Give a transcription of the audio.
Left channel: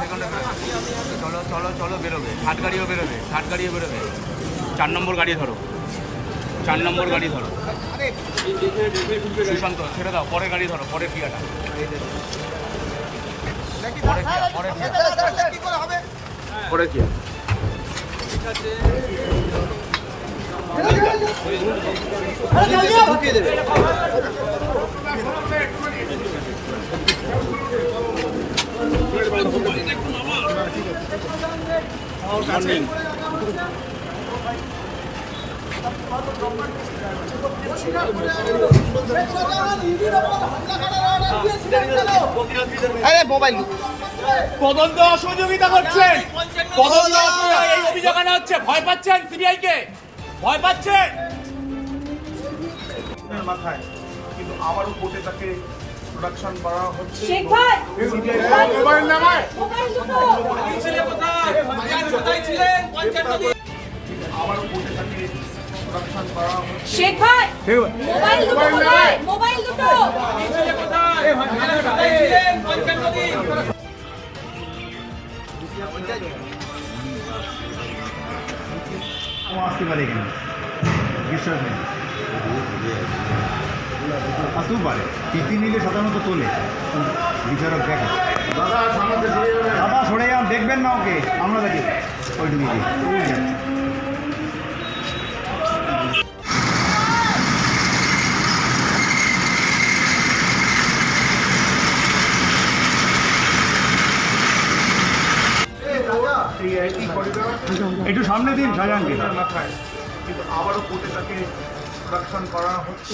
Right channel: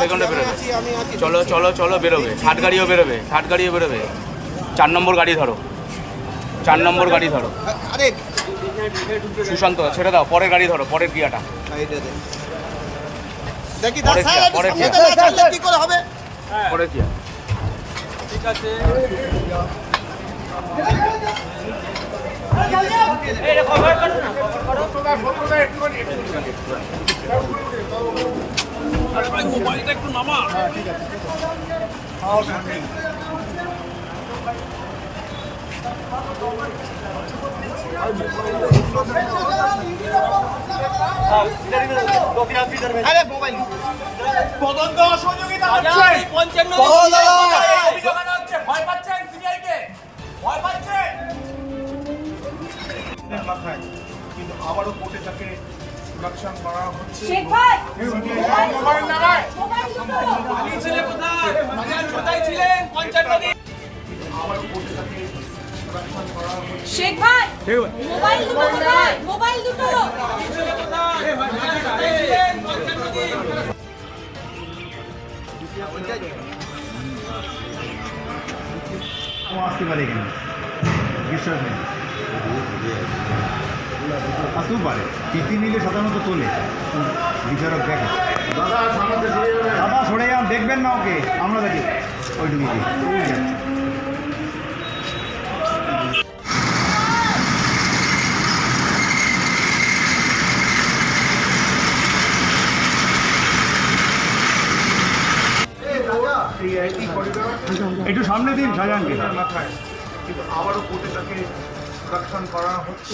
বেরোবে। চলো চলো চলো বেরোবে। ষাট গাড়িও বেরোবে। ষাট গাড়িও বেরোবে। চার নম্বর গাড়ি ধরো। চার নম্বর গাড়ি ধরো। আরে। সুশান্ত ছেড়ে দাও। পরের গাড়ি ধরো পরের গিয়াটা। দেখি পরে দাদা কি, আরে মোবাইল তদন্ত অসহযোগিতা করছেন অভিযোগ আনা হচ্ছে। ভয় পাচ্ছেন সিবিআই কে ভয় পাচ্ছেন? মাথায়। কিন্তু আবারও কোর্টে তাকে প্রোডাকশন করা হচ্ছে। আবারও কোর্টে তাকে প্রোডাকশন করা হচ্ছে। মোবাইল দুটো আসতে পারে এখানে। বিশ্বাস নেই আসতেও পারে। টিফিন নিলে সাধারণত তোলে। বিচারক দেখে। দাদা, সরে যান, দেখবেন না ওকে। আমরা দেখি। ওইটুকু একটু সামনে দিন মাথায় কিন্তু আবারও কোর্টে তাকে প্রোডাকশন করা হচ্ছে।